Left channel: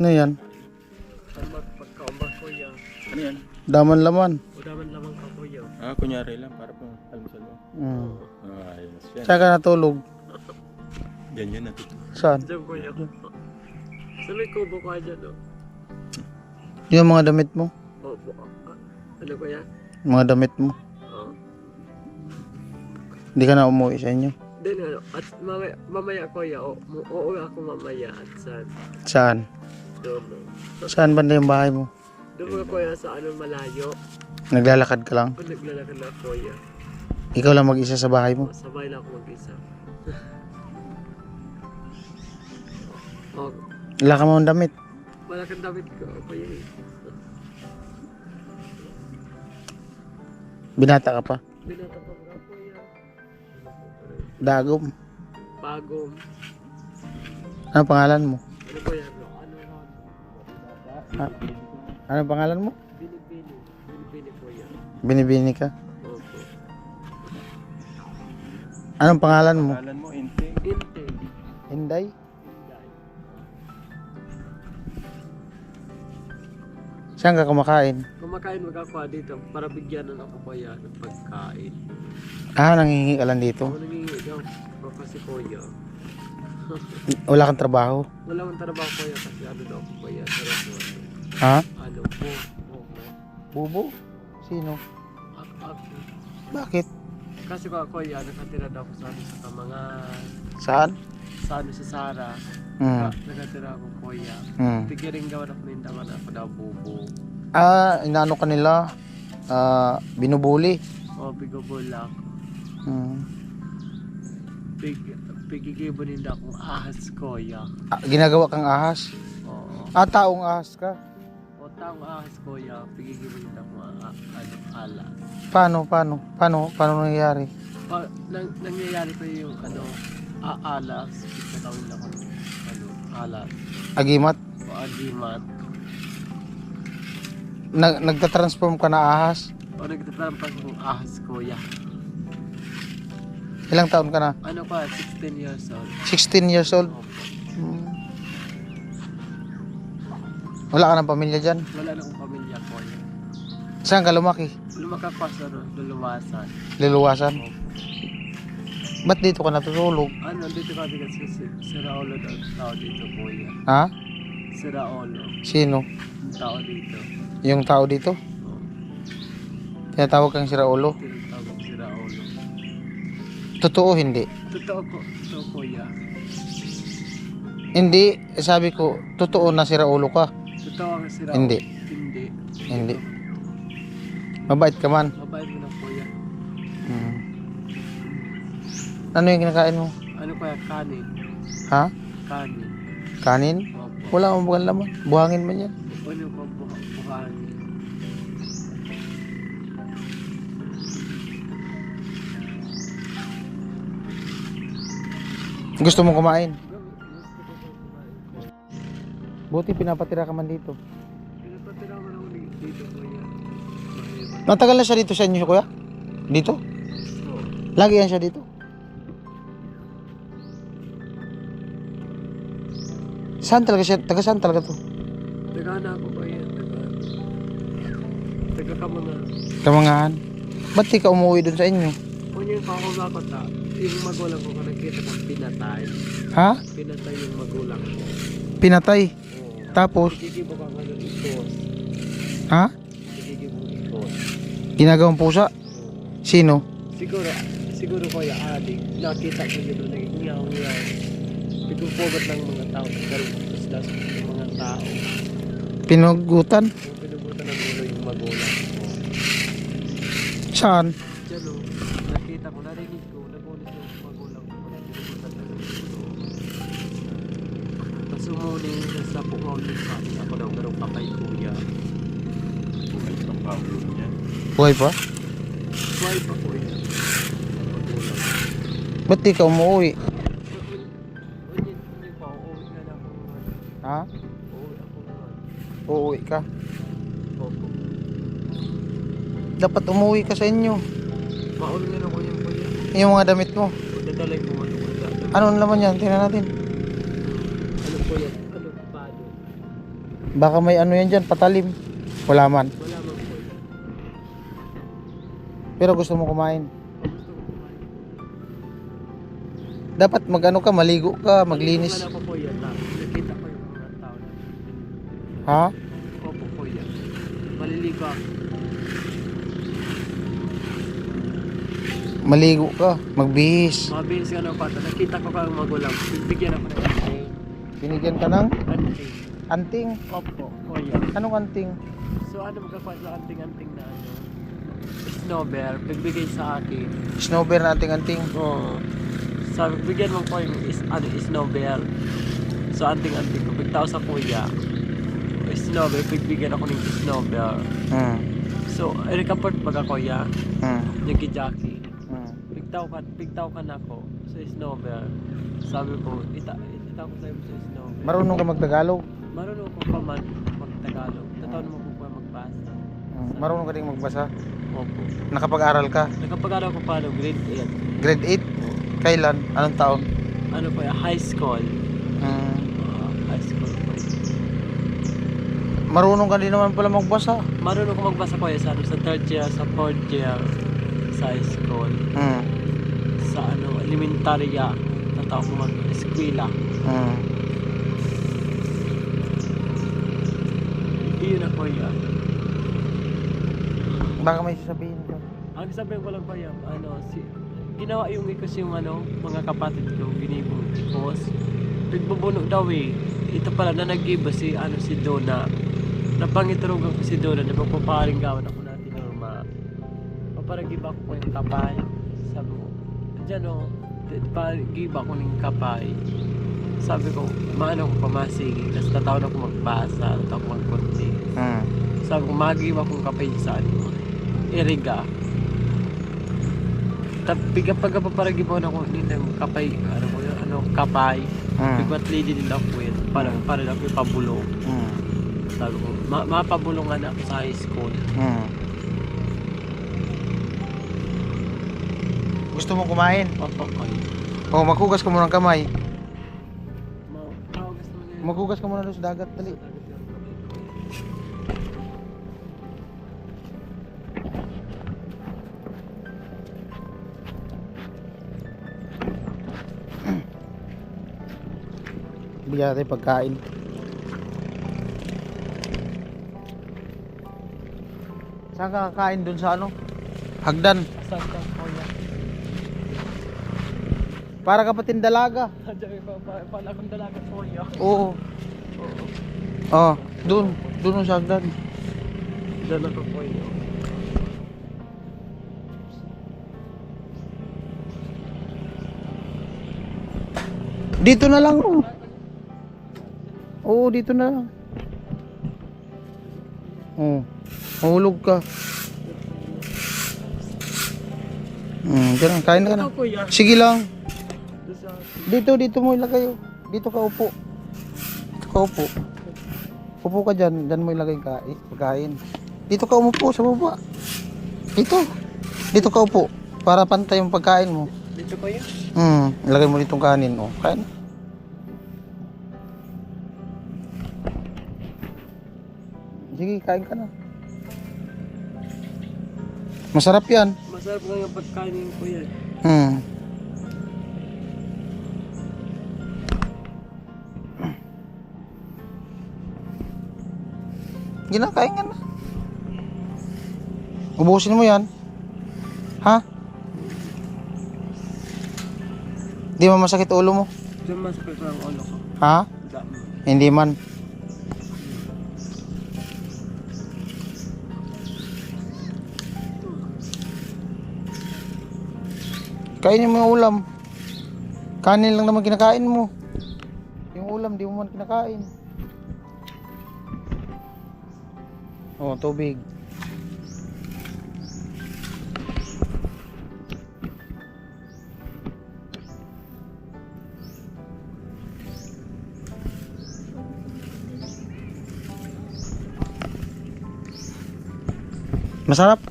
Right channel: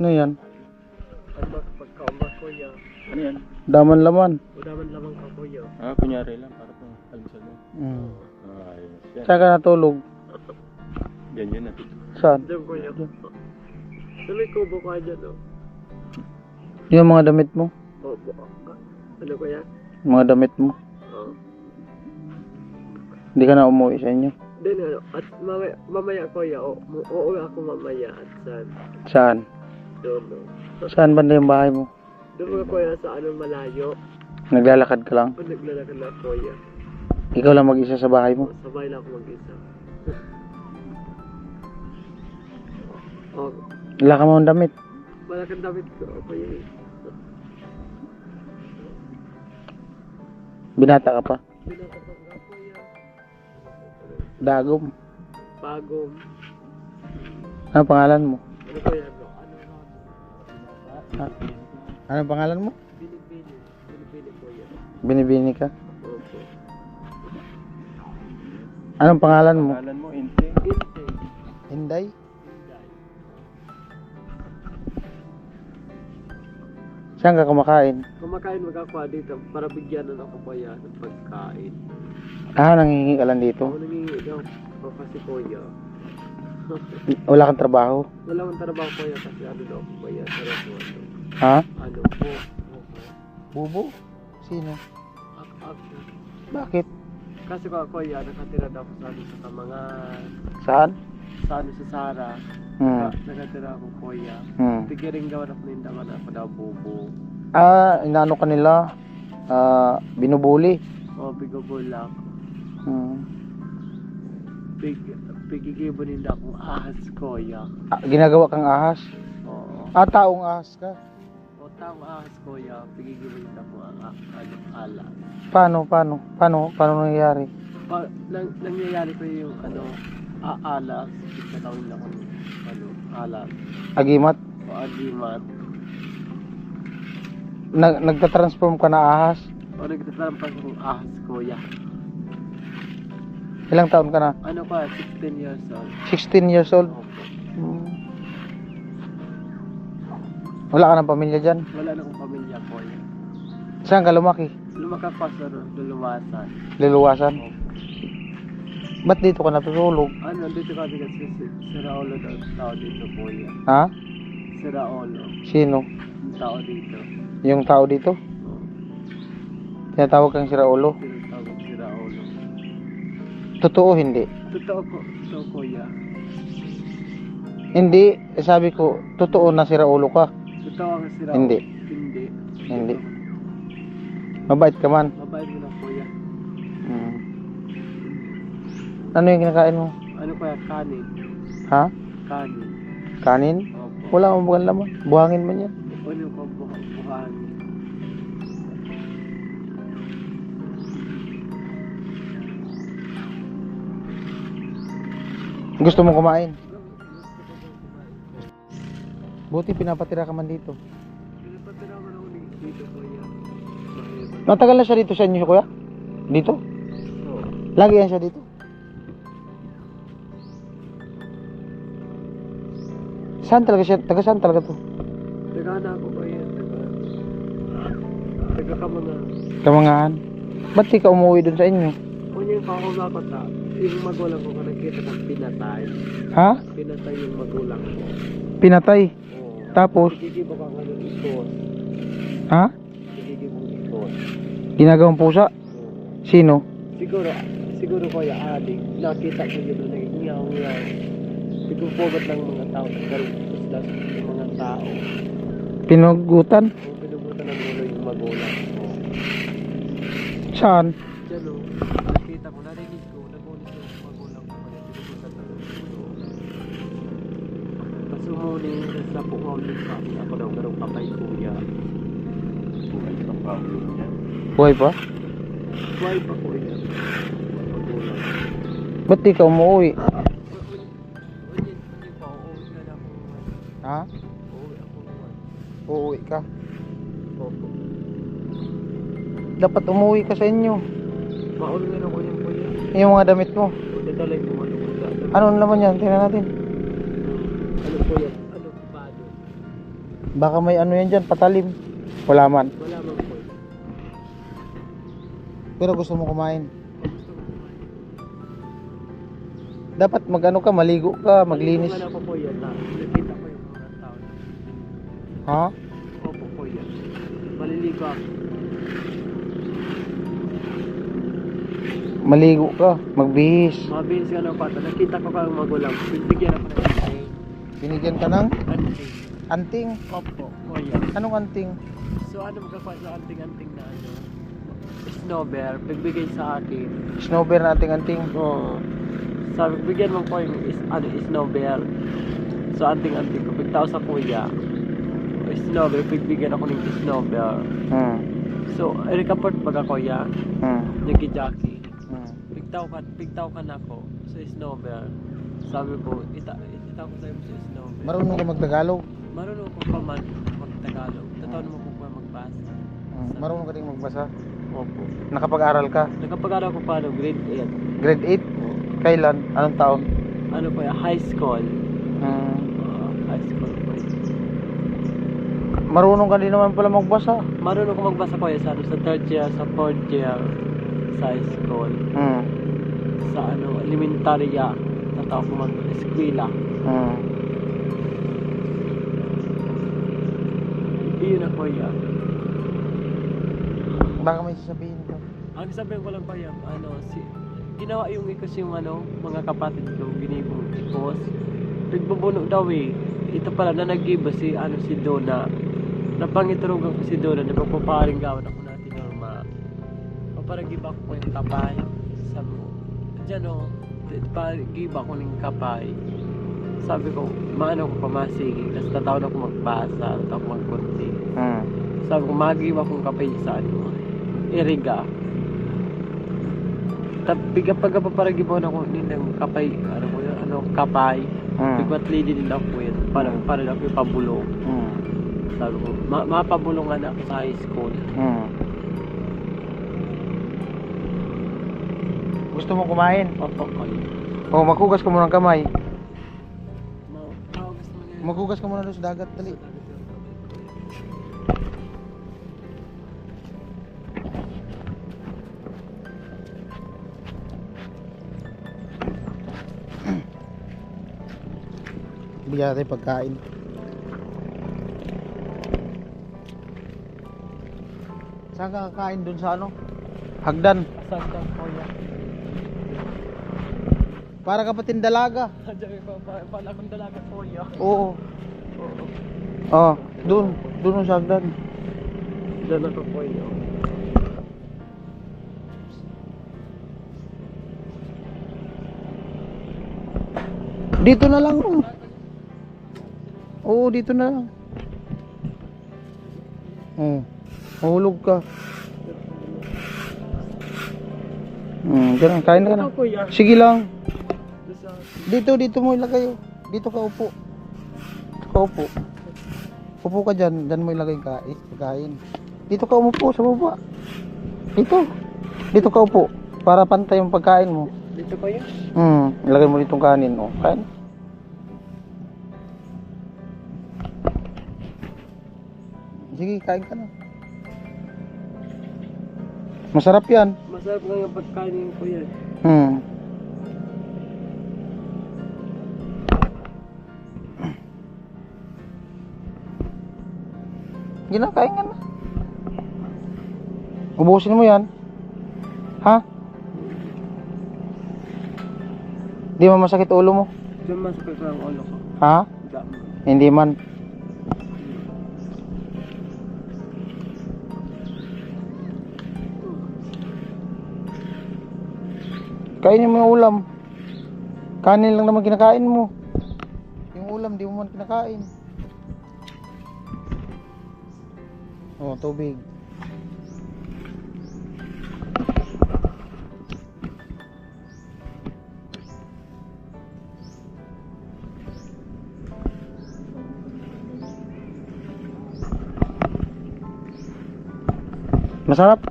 Ano yan? Pagkaumba kuya. Ano yan? Daman laman. O daman lamang ka kuya. Kunyari lang para pang almusal mo. Ayos yan. Saan ka natulog? Yan yun natin. Saan? Diyan kuya. Sa may kubo ka dyan o. Yung mga damit mo? O, ano kuya? Mga damit mo? Oo. Hindi ka na umuwi sa inyo? Then ano, at mamaya kuya, uuwi ako mamaya at saan? Saan? Doon o. Saan banda yung bahay mo? Doon mga kuya sa ano malayo. Naglalakad ka lang? O naglalakad na kuya. Ikaw lang mag-isa sa bahay mo? Sabay na ako mag-isa. O, Wala ka mga damit. wala kang damit ko kuya eh. Binata ka pa. Binatapag ka kuya. Dagom. Bagong. Ano pangalan mo? Ano kuya? Ano na? Ano pangalan mo? Binibini. Binibini kuya. Binibini ka? Opo. Anong pangalan mo? Pangalan mo, Inte. Inte. Inday? Inday. Saan ka kumakain? Kumakain magkakuha dito para bigyanan ako kuya ng pagkain. Nangingi ka lang dito? Ako nangingi daw. O kasi kuya. Wala kang trabaho? Wala akong trabaho kuya kasi ano daw ako kuya. Sarap mo ano. Ha? Ano po. Bubo? Sino? Ako. Bakit? Kasi kuya nakatira daw ako sa ano sa Tamangan. Saan? Sa ano sa Sara. Nakatira ako kuya. Tigiring gawa na kunindaman ako daw bubo. Inaano ka nila? Binubuli? O bigobol ako. Pigigibo ninda akong ahas kuya. Ginagawa kang ahas? Oo. Taong ahas ka? O taong ahas kuya. Pigigibo ninda akong ala. Paano nangyayari? Nangyayari ko yung ano alas. Kitawin ako ano alas. Agimat? O agimat. Nagtatransform ka na ahas? O nagtatrampas akong ahas kuya. Ilang taon ka na? Ano pa? 16 years old. 16 years old? Opo. Wala ka ng pamilya dyan? Wala na akong pamilya kuya. Saan ka lumaki? Lumakap pa sa luluwasan. Luluwasan? Opo. Ba't dito ka natutulog? Ano, dito kami kasi si Raolo daw tao dito kuya. Ha? Si Raolo. Sino? Yung tao dito. Yung tao dito? O, Tinatawag kang si Raulo? tinatawag si Raolo. Totoo hindi? Totoo ko, totoo kuya. Hindi, sabi ko, totoo na si Raulo ka. Totoo ang si Raolo. Hindi. Hindi. Hindi. Mabait ka man. Mabait mo na kuya. Ano yung kinakain mo? Ano kuya? Kanin. Ha? Kanin. Kanin? Opo. Wala akong bukan laman. Buhangin man yan. Ano pa buhangin? Gusto mong kumain? Gusto ko kumain. Buti pinapatira ka man dito. Pinapatira mo na ulit dito kuya. Mahirap. Matagal na siya dito sa inyo, kuya? Dito? Oo. Lagi yan siya dito? Saan talaga siya? Taga saan talaga to? Tagana ako kuya. Taga-Kamangan. Kamangahan. Ba't di ka umuwi dun sa inyo? Kung yung pakumakot ha, yung magulang ko kung nakita kong pinatay. Ha? Pinatay yung magulang ko. Pinatay. Oo. Tapos? Igigibo ka nga ng ikos. Ha? Igigibo ikos. Ginagawang pusa? Oo. Sino? Siguro kuya adik. Nakita ko yun doon. Ngaw-ngaw. Pigupogot lang mga tao. Tapos yung mga tao. Pinugutan? Kung pinubutan ng ulo yung magulang ko. Saan? Diyan o. Nakita ko, narinig ko. Nagulit yung magulang ko. Pinubutan ng ulo. Tapos umuni. Tapos napungaw din sa akin. Ako daw garong patay kuya. Buhay pa pa yan. Buhay pa? Why pa kuya? Magulang. Ba't di ka umuwi? Hindi pa. Uuwi na lang ako naman. Ha? Uuwi ako naman. Uuwi ka? Opo. Dapat umuwi ka sa inyo. Mauli na ako yung kuya. Yung mga damit mo. Kung dadalay ko ano. Ano naman yan? Tingnan natin. Ano kuya? Ano pa doon? Baka may ano yan dyan, patalim. Wala man. Wala man po. Pero gusto mo kumain. Gusto ko kumain. Dapat magano ka, maligo ka, maglinis. Maligo ka na po yan na. Nakita ko yung mga tao na. Ha? Opo po yan. Maliligo ako. Maligo ka, magbihis. Mabilis ka na pata. Nakita ko kang magulang. Bibigyan ako ng anting. Binigyan ka ng Anting. anting. Opo, kuya. Anong anting? So ano magkakuha sa anting-anting na ano? Snowbear. Bigbigay sa akin. Snowbear na anting-anting. Oo. Sabi, bigyan mo ko yung snowbear. So anting-anting ko. Bigtao sa kuya. Snowbear. Bigbigyan ako ng snowbear. Hmm. So, i-report pag ako kuya. Hmm. Jackie. Hmm. Pigtaw ka na ako sa snowbear. Sabi ko, itaw ko sa'yo sa snowbear. Marunong ka magtagalog? Marunong ko pa man mag-Tagalog. Tataon mo ko pa magbasa. Hmm. Marunong ka din magbasa? Opo. Nakapag-aral ka? Nakapag-aral ko pa no, grade 8. Grade 8? Kailan? Anong taon? Ano po yan? High school. Hmm. High school po yan. Marunong ka din naman pala magbasa. Marunong ko magbasa ko yan sa 3rd year, sa 4th year sa high school. Hmm. Sa elementarya. Tatawag ko mag-eskwela. Hmm. Iyon ako yan. Baka may sasabihin ka. Ang sabihin ko lang pa yan, ginawa yung ikos yung mga kapatid ko, ginibong ikos. Pagbubuno daw eh. Ito pala na nag-iba si Donna. Napangiturugan ko si Donna na pagpaparing gawan ako natin norma. Paparagiba ko yung kapay. Sabi ko, dyan o, pagiba ko ng kapay. Sabi ko, maano ko pamasigi. Tapos tatawag ako magbasa, tatawag ako magkunti. Hmm. Sabi ko, magiba kong kapay sa iriga. Biga pagpaparagibaw na ko nilang kapay, kapay. Bigwat lady din ako yun. Para lang yung pabulong. Hmm. Sabi ko, mapabulungan ako sa high school. Hmm. Gusto mo kumain? Opo, kayo. O, maghugas ka muna ng kamay. Gusto mo na yun. Maghugas ka muna doon sa dagat, dali. Bigyan natin pagkain. Saan ka kakain dun sa hagdan? Saan ka po yan? Para ka patin dalaga. Diyan pala akong dalaga po yan. Oo. Oo. Oh, dun sa hagdan. Diyan ako po yan. Dito na lang. Oh. Oo, dito na lang. Oh. Mahulog ka. Ganun, kain ka na. Ito po yan. Sige lang. Doon sa Dito mo ilagay. Dito ka upo. Dito ka upo. Upo ka dyan. Dyan mo ilagay pagkain. Dito ka umupo sa baba. Dito ka upo. Para pantay yung pagkain mo. dito pa yun. Ilagay mo ditong kanin. Oh, kain. Sige, kain ka na. Masarap yan. Masarap nga yung pagkainin ko yan. Ginakain ka na. Ubusin mo yan. Ha? Di mo masakit ulo mo? Diyan masakit ko ang ulo ko. Ha? Dami. Hindi man. Kainin mo yung ulam. Kanin lang naman kinakain mo. Yung ulam di mo man kinakain. Oh, tubig. Masarap.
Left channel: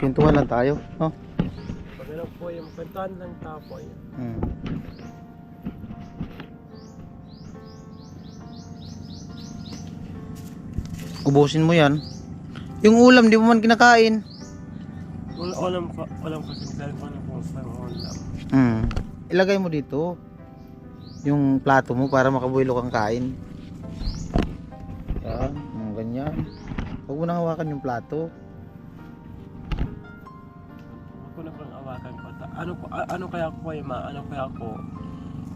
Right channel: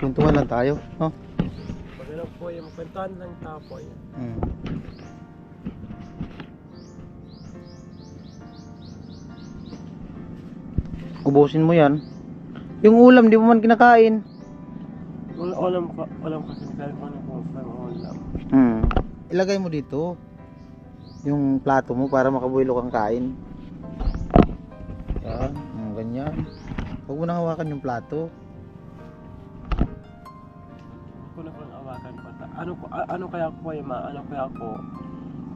Kwentuhan lang tayo, no? Pag ano po yung kwentuhan lang tapo yan. Ubusin mo yan. Yung ulam, di mo man kinakain. Walang kasi kaya ko ano kung saan ulam. Ilagay mo dito yung plato mo para makabuelo kang kain. Yan, ganyan. Huwag mo nang hawakan yung plato. Huwag ko na kung awakan ko. Ano kaya ako kaya ma? Ano kaya ako?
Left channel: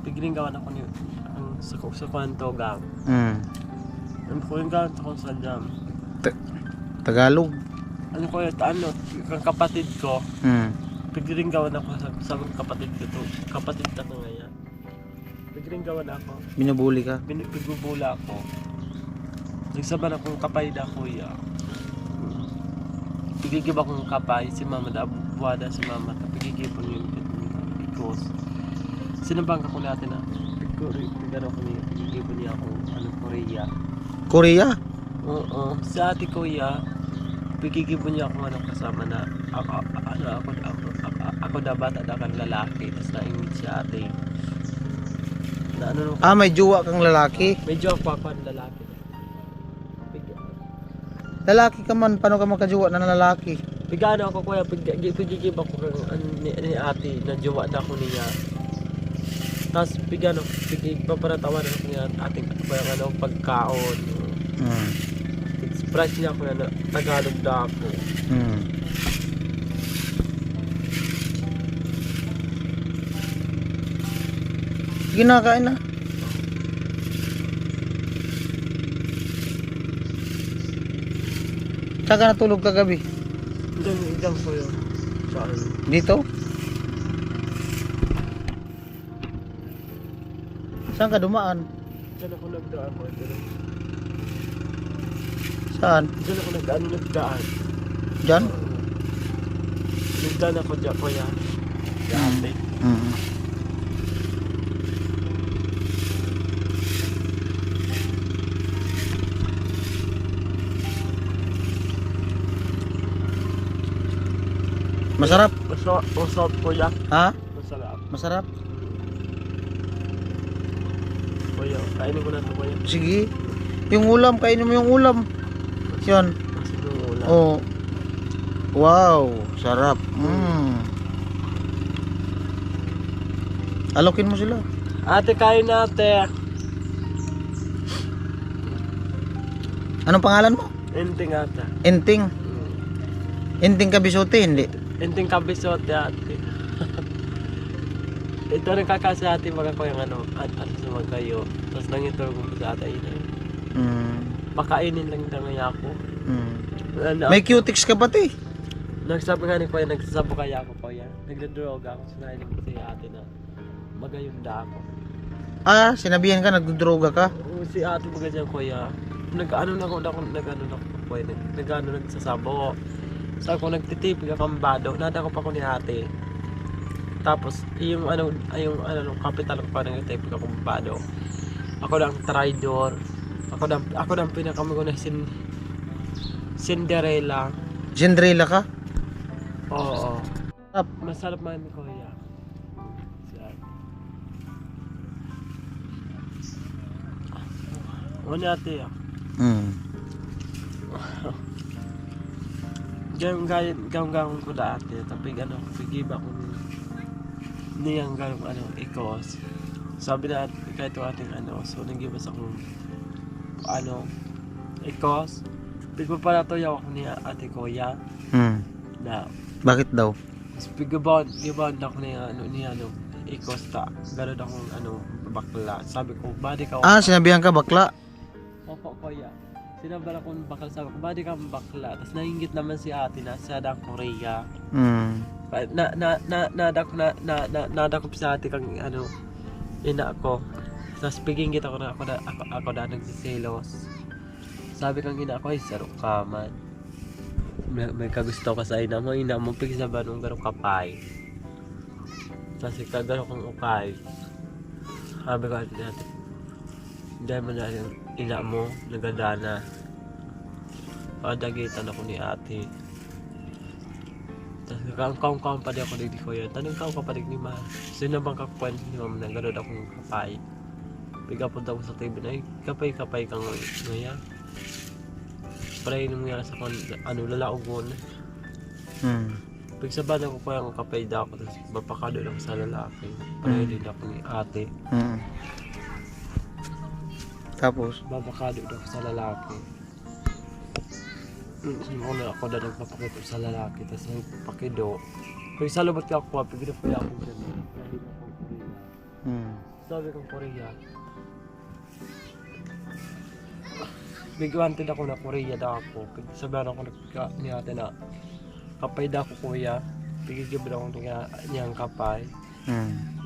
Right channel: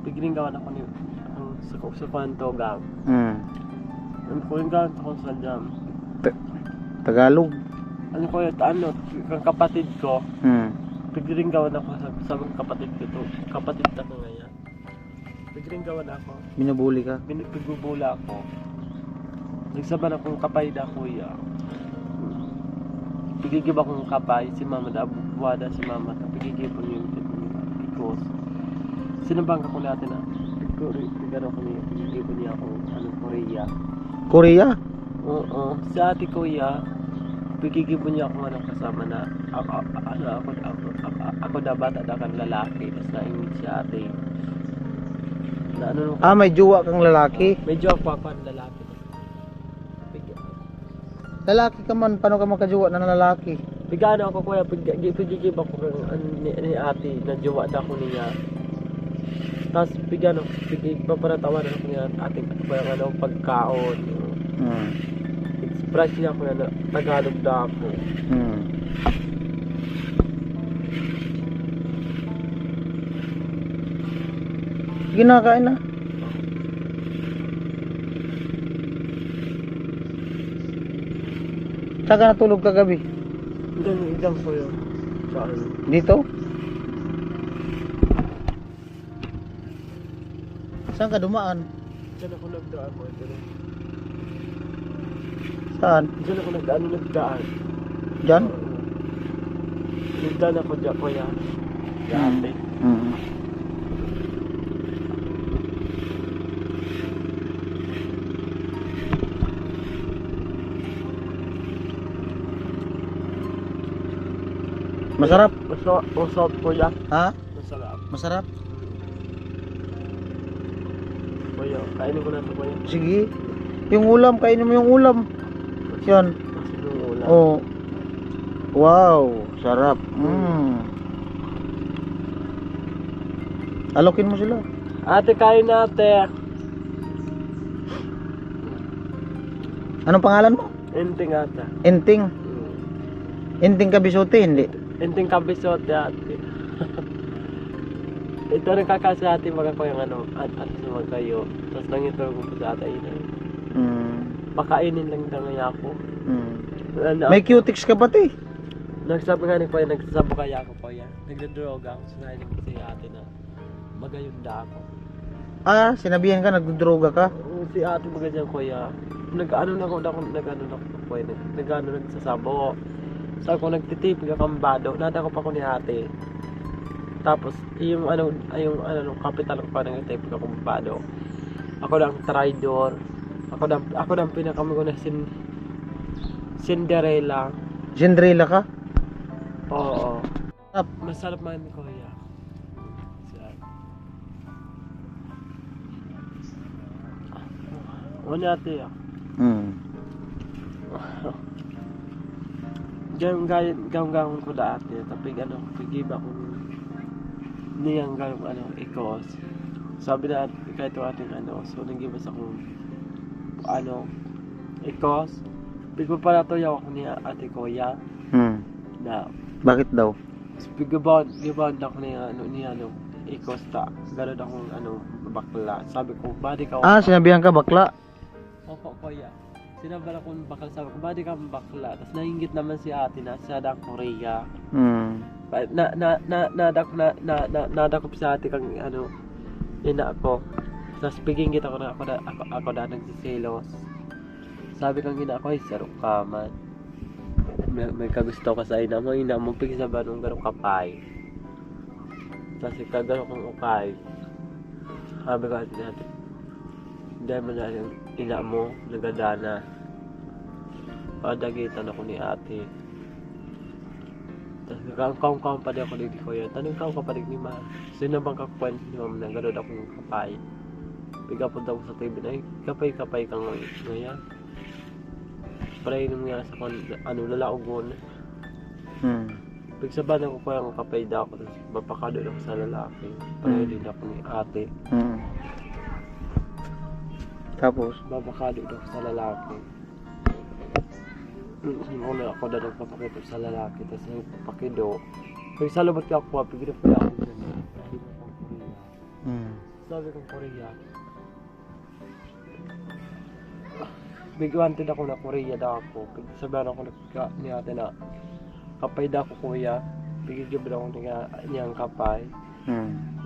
Pigiling gawan ako ni ang sa kwanto gang. Ano ko yung gawan ako sa jam. Tagalog. Ano ko yung kang kapatid ko. Pigiling gawan ako sa kapatid ko to. Kapatid na ko ngayon. Pigiling gawan ako. Binubuli ka. Pigbubula ako. Nagsaban akong kapay da kuya. Pigigib akong kapay si mama da buwada si mama ta pigigipon yung ikos. Sinabang ko natin na pigano ko niya pigigipon niya akong Korea. Korea? Oo, si ate kuya pigigipon niya akong kasama na ako da bata da kan lalaki tas naingit si ate. Na May jowa kang lalaki. Medyo ako ang lalaki. Lalaki ka man, paano ka magkajowa na lalaki? Pigano ako kuya, pigigib ako ni ate na jowa na ako niya. Tapos pigano, paparatawanan ako niya ating pagkaon. Express niya ako na Tagalog na ako. Ginakain na. Saan ka natulog kagabi? Idang ko yun. Saan? Dito? Saan ka dumaan? Diyan ako nagdaan ko. Saan? Diyan ako nagdaan. Diyan? Nagdaan ako dyan kuya. Ate. Masarap? Masarap kuya. Ha? Masarap. Masarap? Kuya, kainin ko na ito kuya. Sige. Yung ulam, kainin mo yung ulam. Yan. Kasi yung ulam. Oh. Wow, sarap. Alokin mo sila. Ate, kain ate. Anong pangalan mo? Enting ate. Enting. Enting Kabisote, hindi. Enting kabisote ate. Ito rin kakasi ate mga ko yung at sa mga kayo. Tapos nangituro ko sa ate ina. Pakainin lang na ako. May cutics ka pati. Nagsabi nga ni Kuya, nagsasabo kaya ako Kuya. Nagdodroga ako, sinahin ko si ate na magayunda ako. Sinabihan ka, nagdodroga ka? Si ate magayon Kuya. Nag-ano na ako Kuya. Nagsasabo. Sabi ko, nagtitipig akong bado. Nada ko pa ko ni ate. Tapos, yung kapital ko pa nagtitipig akong bado. Ako lang traidor. Ako lang pinakamago na Cinderella. Cinderella ka? Oo. Sarap. Masarap man ni Kuya. Ano ate ah? Gawang ko dati. Tapos pigiba ko niyang ikos. Sabi na kahit ating so nagibas akong ikos. Pigpapalatoyaw ako niya ate Kuya. Na Bakit daw? mas gibond ako niya ikos ta. Ganun akong bakla. Sabi ko, body ka. Sinabihan ka bakla? Opo Kuya. Sinabala akong bakla, sabi ko, body ka bakla. Tapos nainggit naman si ate na sa Korea. Nada ko sa ate kang ina ako. Tapos pigingit ako na nagsiselos. Sabi kang ina ako, ay sarok ka man. May kagusto ka sa ina mo pigsaban ng garong kapay. Tapos ikagano kong ukay. Sabi ko natin, dahil mo na yung ina mo, nagadana. Padagitan ako ni ate. Tapos kaong pa di ako di Kuya. Tanong kaong pa di ni Ma. Sino bang kakwento ni Mama na gano'n akong kapay? Piga po daw sa TV na, kapay kang ngayon. Parayin mo yan sa lalaogon. Pagsabahan ko kaya ang kapayda ako, tapos mapakado ako sa lalaki. Parayin din ako ni ate. Tapos? Mapakado ako sa lalaki. Una ako na nagpapakito sa lalaki, tapos nagpapakido. Kaya sa labat ka ako, pagkita pa ako dyan. Sabi ko kong Korea. Sabi kong Korea. Big wanted ako na Korea daw ako. Sabihan ako ni ate na kapay daw ako kuya. Pigigibid ako niyang kapay.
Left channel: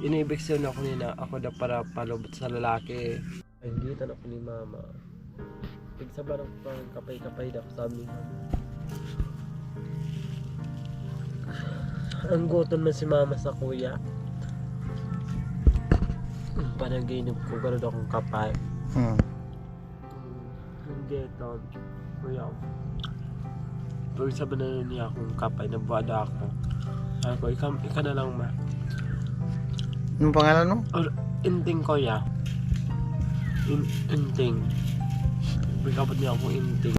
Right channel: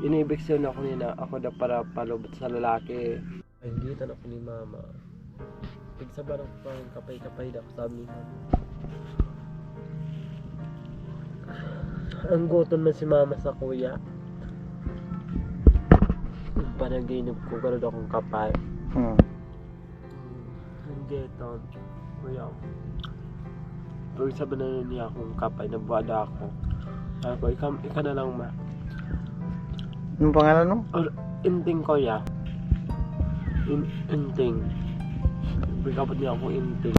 Inibiksyon ako niya na ako daw para palubot sa lalaki. Ay, hindi ako ni mama. Pagsabahan ako parang kapay-kapay daw sabi niya. Ang gutom na si mama sa kuya. Panaginip ko, gano'n akong kapay. Hindi ito, kuya. Pag sabi na niya akong kapay, nabuhada ako. Sabi ko, ikaw na lang ma. Anong pangalan mo? Inting kuya. Inting. Bigabot niya akong inting.